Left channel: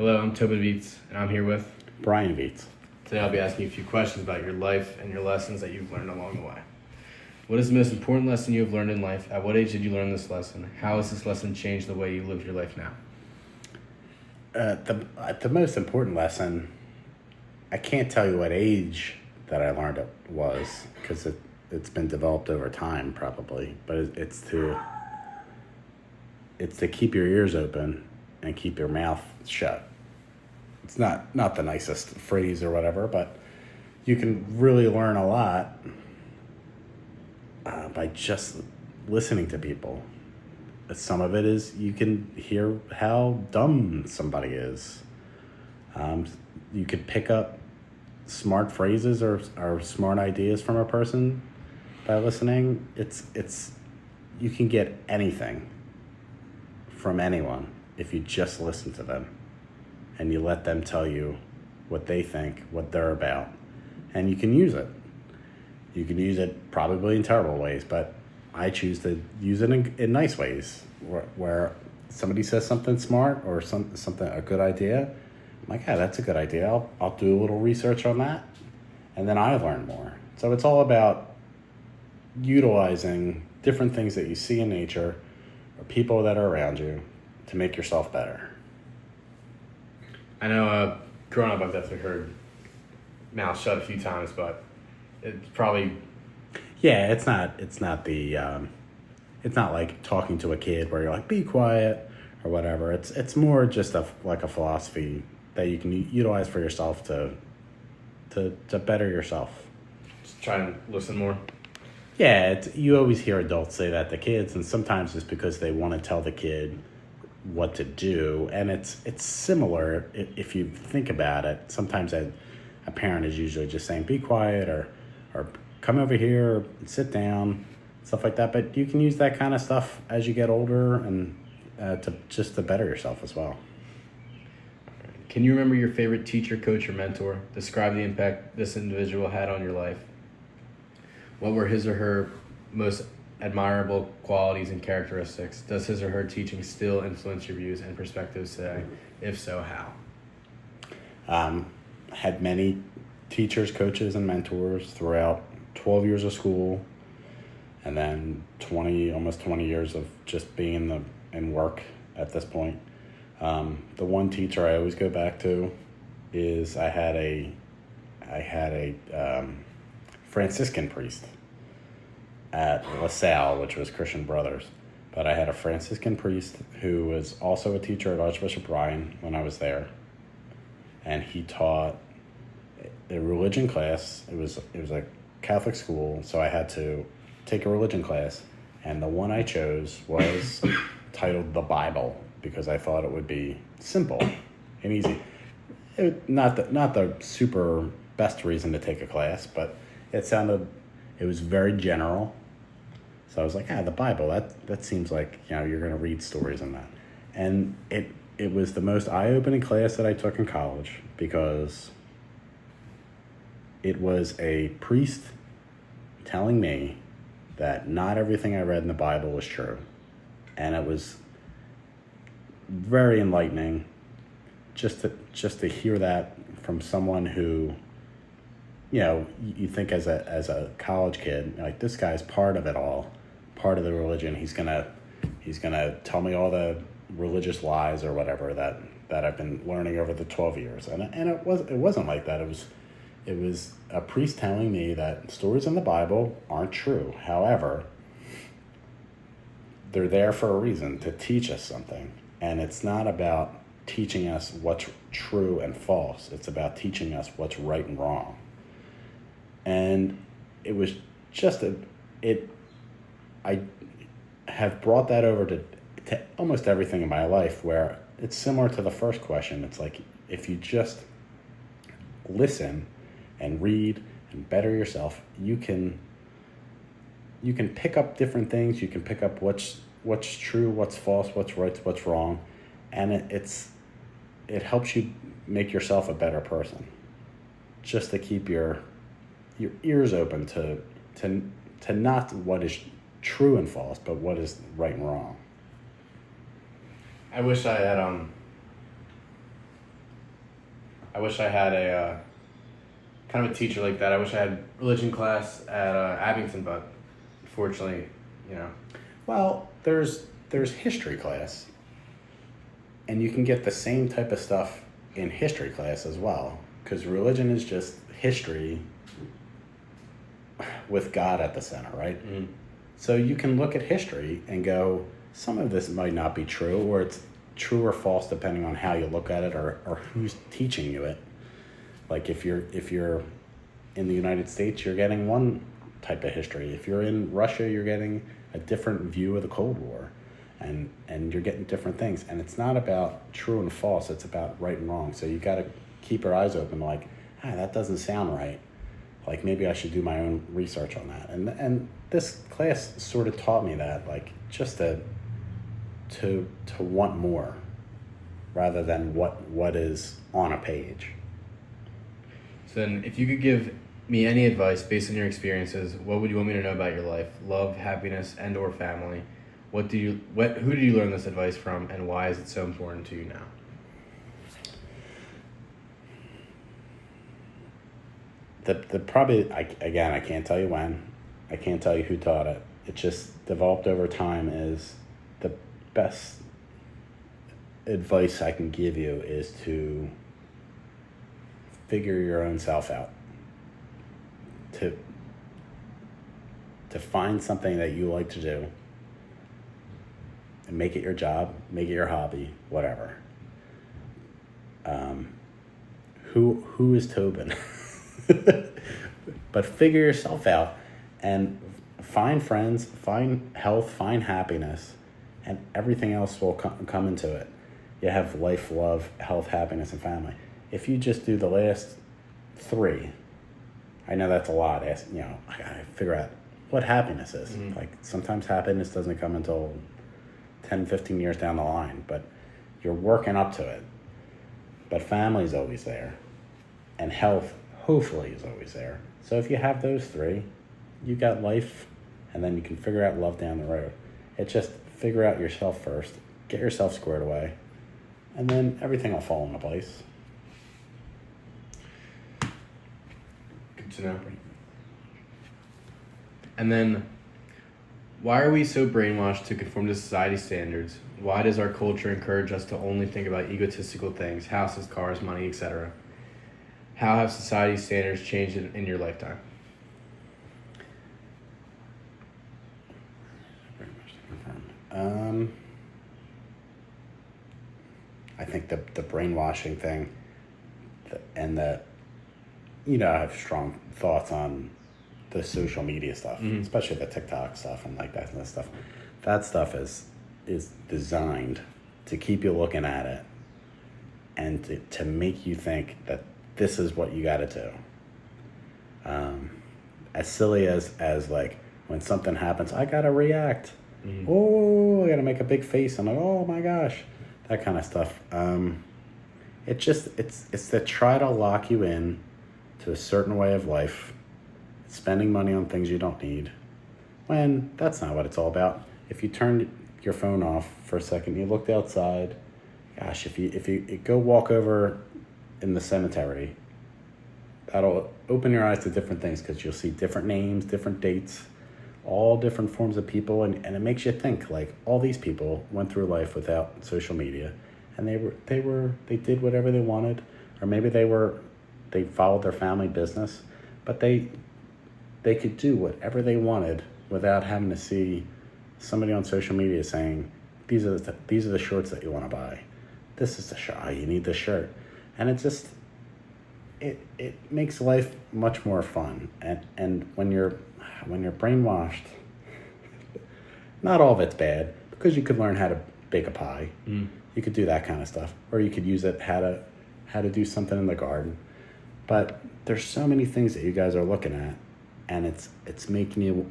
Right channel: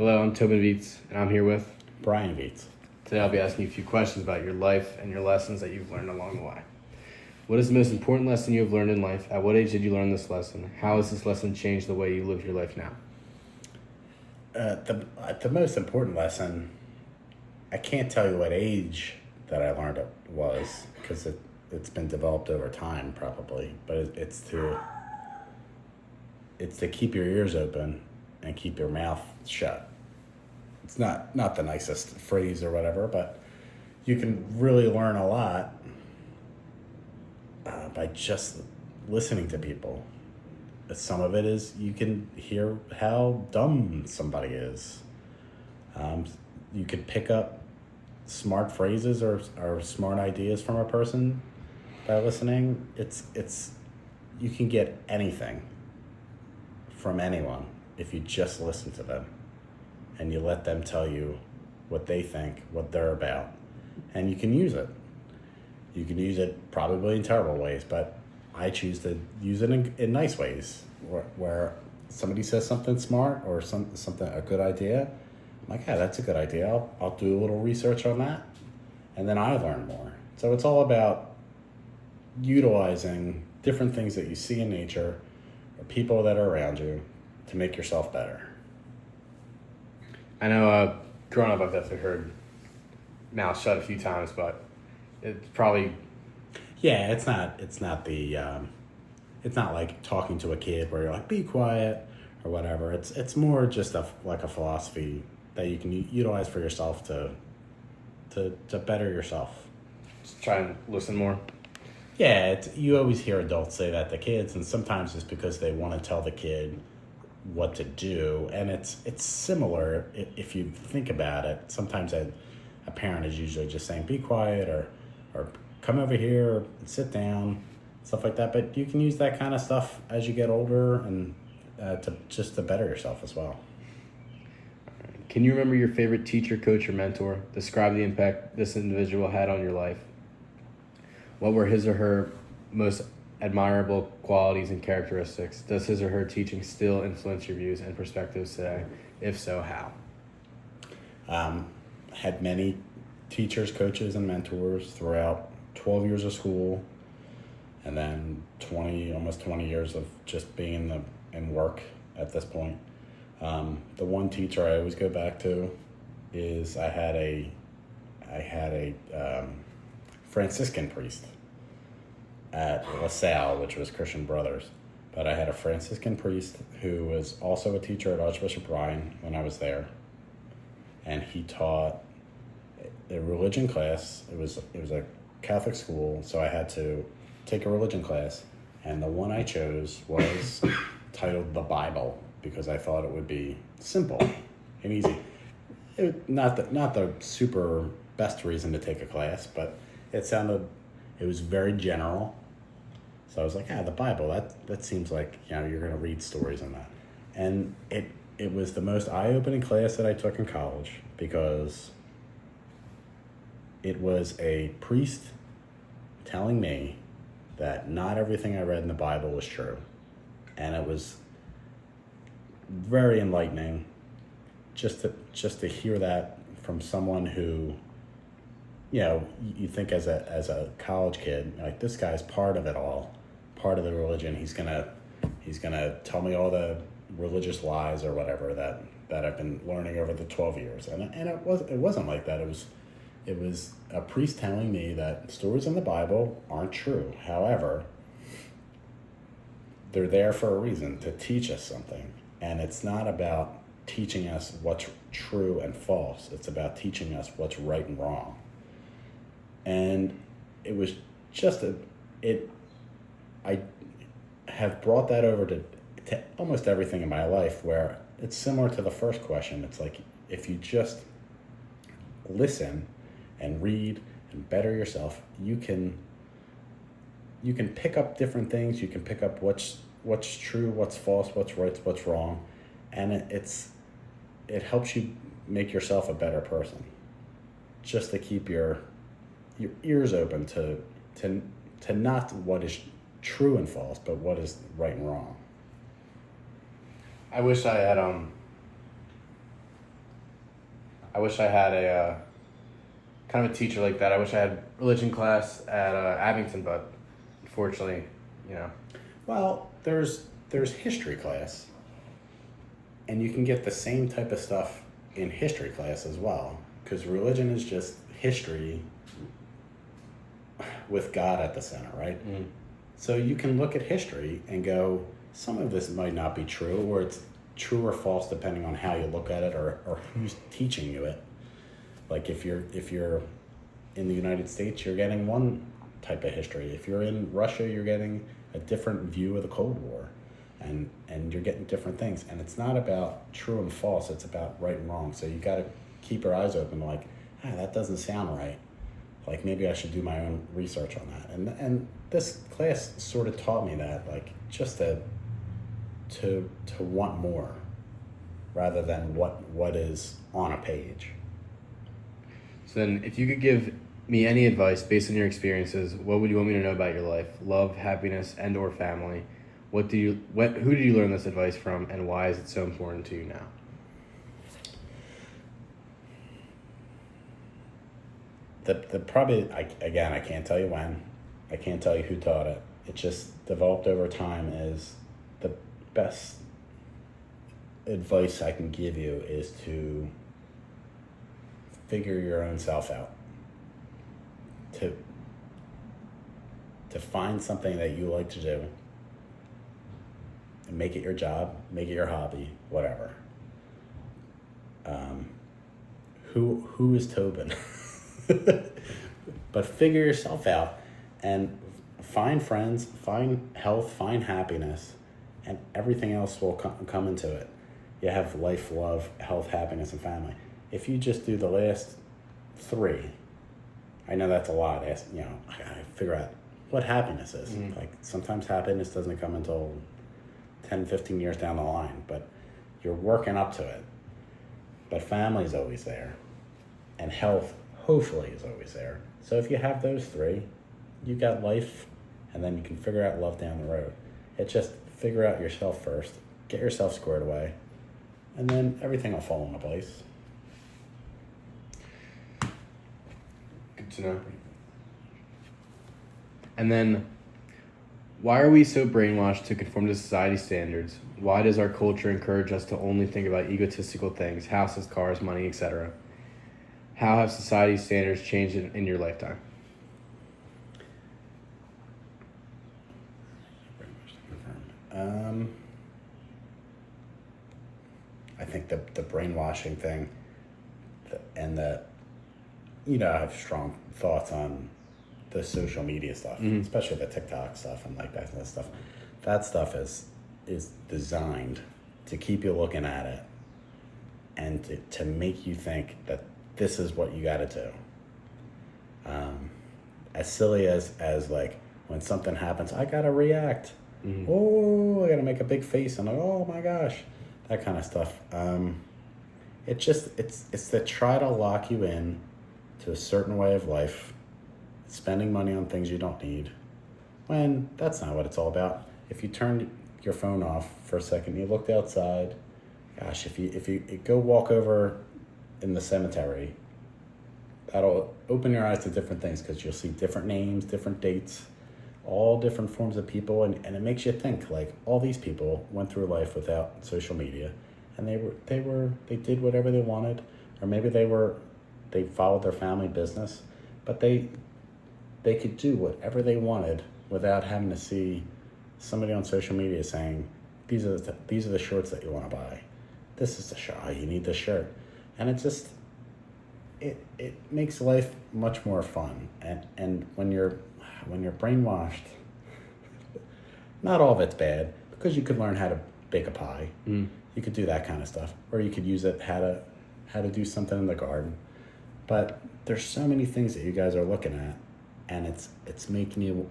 Hello, I'm Tobin Vietz, and I'm here with. Brian Vietz. Today I'll be asking you a few questions about your life and your lessons that you've learned along the way. What is the most important lesson you have learned in life? At what age did you learn this lesson? How has this lesson changed the way you live your life now? The most important lesson, I can't tell you what age that I learned it was, because it's been developed over time probably, but it's to keep your ears open and keep your mouth shut. It's not the nicest phrase or whatever, but you can really learn a lot by just listening to people. Some of it is you can hear how dumb somebody is. You could pick up smart phrases or smart ideas from a person by listening. It's you can get anything from anyone if you just listen to them and you let them tell you what they think, what they're about, and you can use it. You can use it probably in terrible ways, but I choose to use it in nice ways, where somebody says something smart or something a good idea. I'm like, yeah, that's a good idea. I'll do a little research on that, and then I learn more. So it's all about utilizing different things that you see in nature or people that are around you to make yourself better. I know growing up I've definitely heard mouth shut a few times, but it's probably... Yeah, it's not like talking to a kid where you're like, be quiet or whatever. It's more just like a philosophy that you can utilize for yourself to better yourself. Just try and listen more. Yeah, you always hear adults say that to kids, and sometimes it's because they want to tell the kid what to do, and it's similar if you think about it. Sometimes a parent is usually just saying, be quiet or come over here, sit down, stuff like that. But you can use that kind of stuff as you get older and to better yourself as well. Can you remember your favorite teacher, coach, or mentor? Describe the impact this individual had on your life. What were his or her most admirable qualities and characteristics? Does his or her teaching still influence your views and perspectives today? If so, how? Had many teachers, coaches, and mentors throughout 12 years of school, and then almost 20 years of just being in work at this point. The one teacher I always go back to is I had a Franciscan priest at LaSalle, which was Christian Brothers. But I had a Franciscan priest who was also a teacher at Archbishop Ryan when I was there. And he taught a religion class. It was a Catholic school, so I had to take a religion class. And the one I chose was titled The Bible, because I thought it would be simple and easy. Not the super best reason to take a class, but it was very general. So I was like, the Bible, that seems like, you're going to read stories in that. And it was the most eye-opening class that I took in college, because it was a priest telling me that not everything I read in the Bible was true. And it was very enlightening just to hear that from someone who, you think as a college kid, like, this guy's part of it all, part of the religion. He's gonna tell me all the religious lies or whatever that I've been learning over the 12 years. And it wasn't like that. It was a priest telling me that stories in the Bible aren't true. However, they're there for a reason, to teach us something. And it's not about teaching us what's true and false. It's about teaching us what's right and wrong. And it was just I have brought that over to almost everything in my life, where it's similar to the first question. It's like, if you just listen and read and better yourself, you can pick up different things. You can pick up what's true, what's false, what's right, what's wrong, and it helps you make yourself a better person. Just to keep your ears open to not what is true and false, but what is right and wrong. I wish I had I wish I had a kind of a teacher like that. I wish I had religion class at Abington, but unfortunately, you know. Well, there's history class, and you can get the same type of stuff in history class as well, because religion is just history with God at the center, right? Mm-hmm. So you can look at history and go, some of this might not be true, or it's true or false depending on how you look at it or who's teaching you it. Like if you're in the United States, you're getting one type of history. If you're in Russia, you're getting a different view of the Cold War, and you're getting different things. And it's not about true and false, it's about right and wrong. So you got to keep your eyes open, like, that doesn't sound right. Like maybe I should do my own research on that. And this class sort of taught me that, like, just to want more rather than what is on a page. So then, if you could give me any advice based on your experiences, what would you want me to know about your life? Love, happiness, and/or family. Who did you learn this advice from, and why is it so important to you now? The probably, I can't tell you when, I can't tell you who taught it. It just developed over time. Is the best advice I can give you is to figure your own self out. To find something that you like to do and make it your job, make it your hobby, whatever. Who is Tobin? But figure yourself out and find friends, find health, find happiness, and everything else will come into it. You have life, love, health, happiness, and family. If you just do the last three, I know that's a lot. I gotta figure out what happiness is. Mm-hmm. Like sometimes happiness doesn't come until 10, 15 years down the line, but you're working up to it. But family's always there, and health hopefully is always there. So if you have those three, you got life, and then you can figure out love down the road. It's just figure out yourself first, get yourself squared away, and then everything will fall into place. Good to know. And then, why are we so brainwashed to conform to society's standards? Why does our culture encourage us to only think about egotistical things, houses, cars, money, etc.? How have society's standards changed in your lifetime? I think the brainwashing thing, and I have strong thoughts on the social media stuff, especially the TikTok stuff and like that stuff. That stuff is designed to keep you looking at it and to make you think that this is what you got to do. As silly as like when something happens, I gotta react. Mm-hmm. Oh, I gotta make a big face and like, oh my gosh, that kind of stuff. It's to try to lock you in to a certain way of life, spending money on things you don't need, when that's not what it's all about. If you turned your phone off for a second, you looked outside, gosh, if you go walk over in the cemetery, that'll open your eyes to different things, because you'll see different names, different dates, all different forms of people, and it makes you think, like, all these people went through life without social media, and they did whatever they wanted, or maybe they followed their family business, but they could do whatever they wanted without having to see somebody on social media saying, these are the shorts that you want to buy, this is the shirt, you need this shirt. And it just it makes life much more fun. And when you're brainwashed, not all of it's bad, because you could learn how to bake a pie. You could do that kind of stuff, or you could use it how to do something in the garden. But there's so many things that you guys are looking at, and it's making you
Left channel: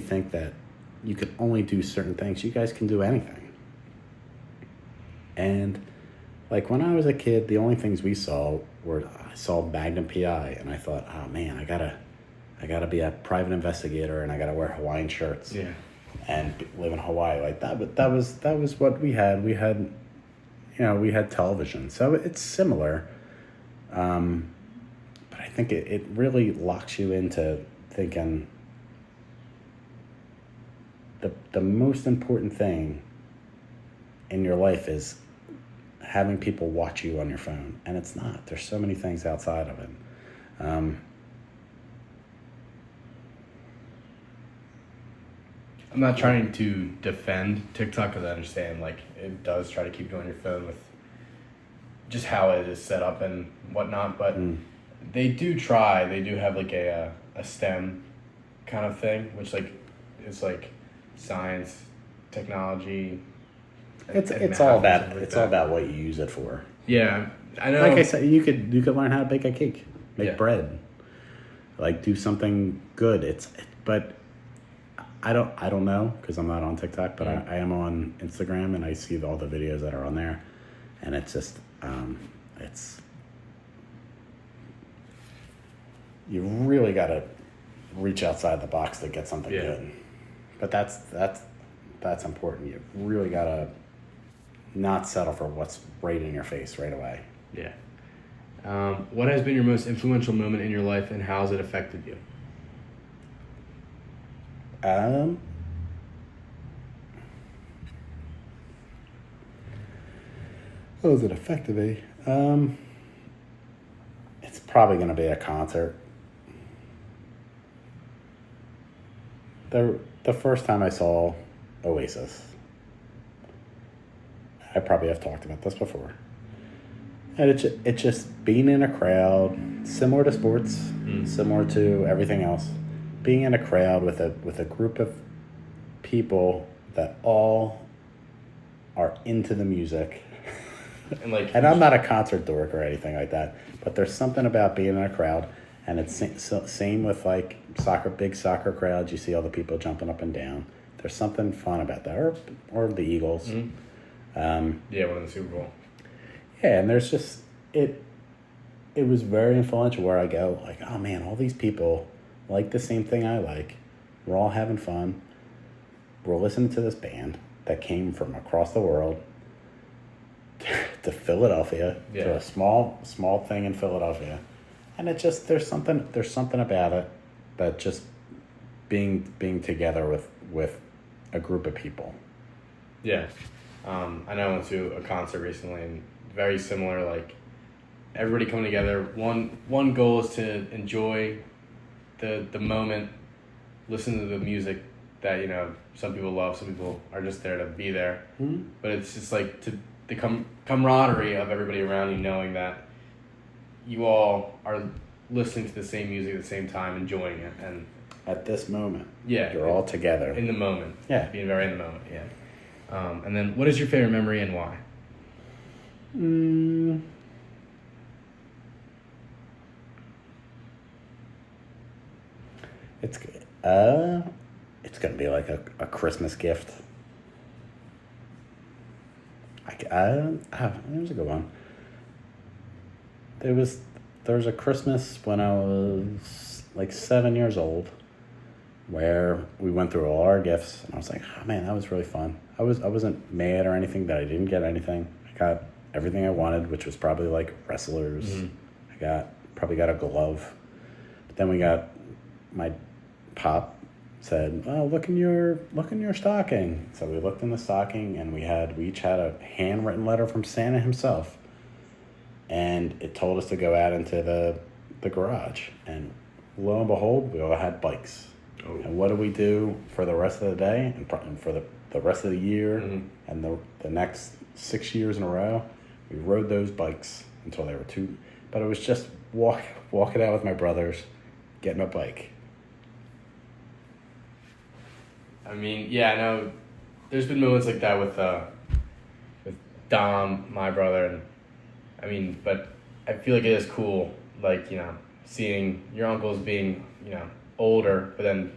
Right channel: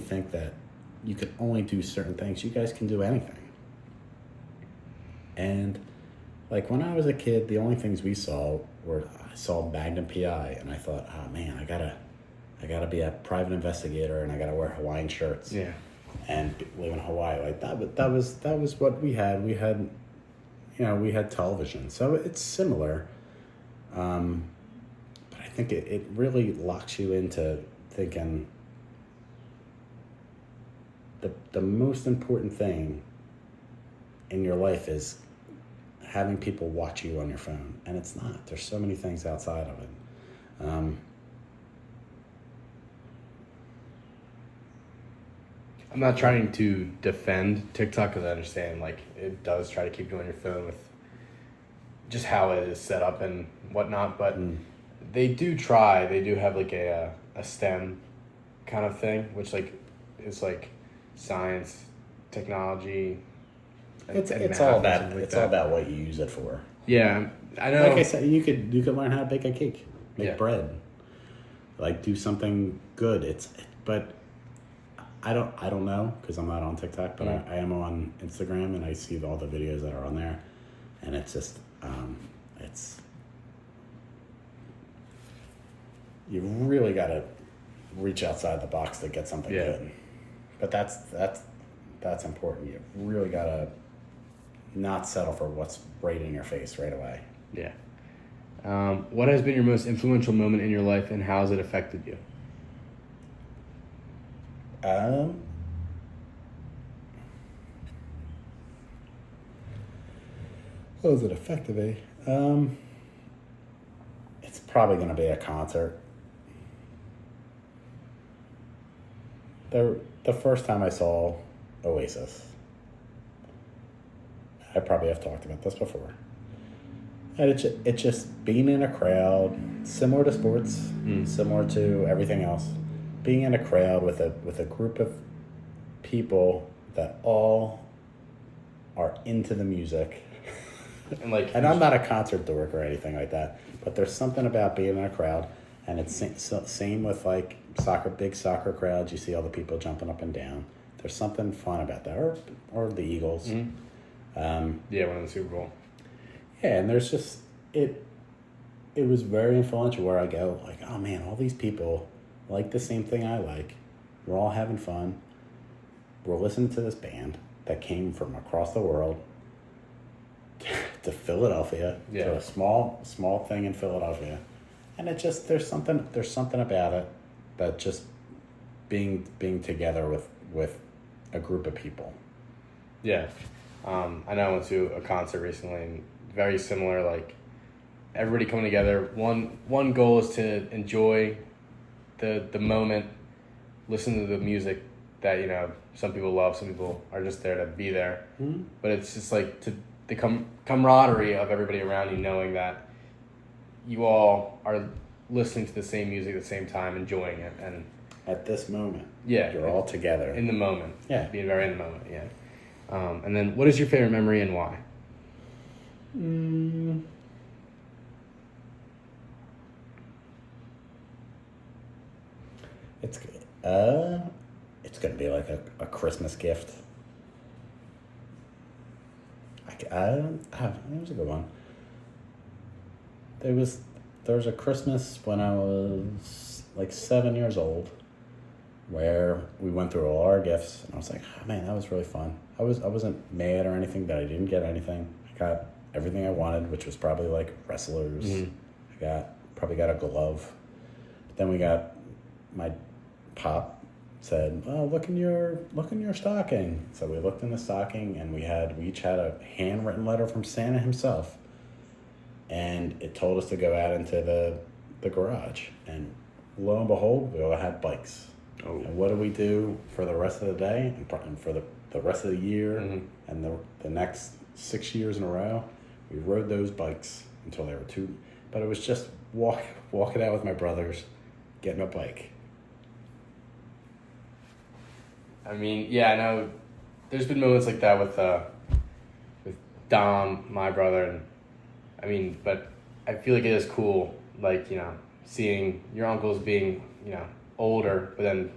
think that you can only do certain things. You guys can do anything. And like when I was a kid, the only things we saw were, I saw Magnum PI, and I thought, oh man, I gotta be a private investigator, and I gotta wear Hawaiian shirts, and live in Hawaii like that. But that was what we had. We had television, so it's similar, But I think it really locks you into thinking the most important thing in your life is having people watch you on your phone, and it's not. There's so many things outside of it. I'm not trying to defend TikTok because I understand like it does try to keep you on your phone with just how it is set up and whatnot, but they do try. They do have like a STEM kind of thing, which like is like science, technology. It's math all and about stuff like it's that. all about what you use it for. Yeah, I know. Like I said, you could learn how to bake a cake, make Yeah. bread, like do something good. But I don't know because I'm not on TikTok, but I am on Instagram and I see all the videos that are on there, and it's just it's you really got to reach outside the box to get something good. But that's important. You really got to not settle for what's right in your face right away. Yeah. What has been your most influential moment in your life, and how has it affected you? How has it affected me? It's probably going to be a concert. The first time I saw Oasis, I probably have talked about this before. And it's just being in a crowd, similar to sports, similar to everything else. Being in a crowd with a group of people that all are into the music. And I'm not a concert dork or anything like that, but there's something about being in a crowd, and it's same with like big soccer crowds. You see all the people jumping up and down. There's something fun about that, or the Eagles. Winning the Super Bowl. Yeah, and there's just it was very influential where I go like, oh man, all these people like the same thing I like. We're all having fun. We're listening to this band that came from across the world to Philadelphia, to a small thing in Philadelphia. And it just there's something about it that just being together with a group of people. Yeah. I know I went to a concert recently, and very similar, like everybody coming together. One goal is to enjoy the moment, listen to the music that, you know, some people love, some people are just there to be there. But it's just like the camaraderie of everybody around you, knowing that you all are listening to the same music at the same time, enjoying it, and at this moment, yeah, you're all together in the moment. Yeah, being very in the moment. Yeah. And then, what is your favorite memory and why? It's gonna be like a Christmas gift. There's a good one. There's a Christmas when I was like 7 years old, where we went through all our gifts, and I was like, oh man, that was really fun. I wasn't mad or anything that I didn't get anything. I got everything I wanted, which was probably like wrestlers. I probably got a glove. But then my pop said, oh, look in your stocking. So we looked in the stocking, and we each had a handwritten letter from Santa himself. And it told us to go out into the garage, and lo and behold, we all had bikes. And what do we do for the rest of the day and for the rest of the year and the next 6 years in a row? We rode those bikes until they were but it was just walking out with my brothers, getting a bike. I mean, yeah, I know there's been moments like that with Dom, my brother, and I mean, but I feel like it is cool, like, you know, seeing your uncles being, you know, older, but then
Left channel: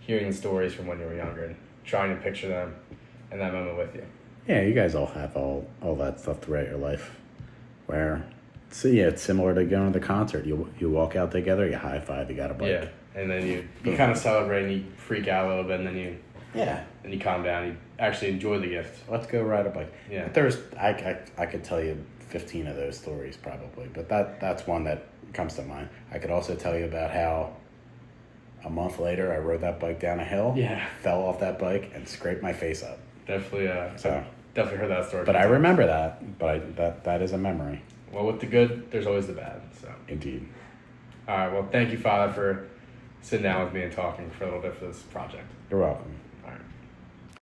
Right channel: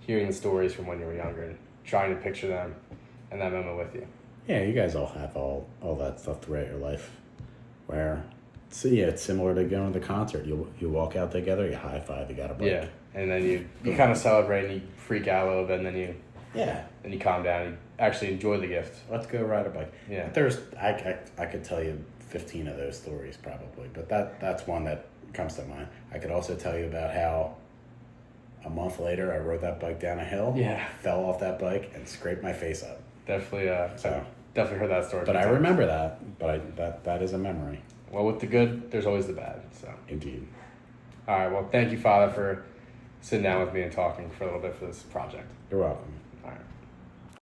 hearing the stories from when you were younger and trying to picture them in that moment with you. Yeah, you guys all have all that stuff throughout your life. Where, it's similar to going to the concert. You walk out together, you high five, you got a bike. Yeah, and then you kind of celebrate and you freak out a little bit, and then you Yeah. and you calm down. You actually enjoy the gift. Let's go ride a bike. Yeah. There's I could tell you 15 of those stories probably, but that's one that comes to mind. I could also tell you about how a month later I rode that bike down a hill, Yeah. fell off that bike and scraped my face up. Definitely, So, definitely heard that story. but I remember that. But that is a memory, Well, with the good, there's always the bad. So, indeed. all right. Well, thank you, Father, for sitting down with me and talking for a little bit for this project. You're welcome.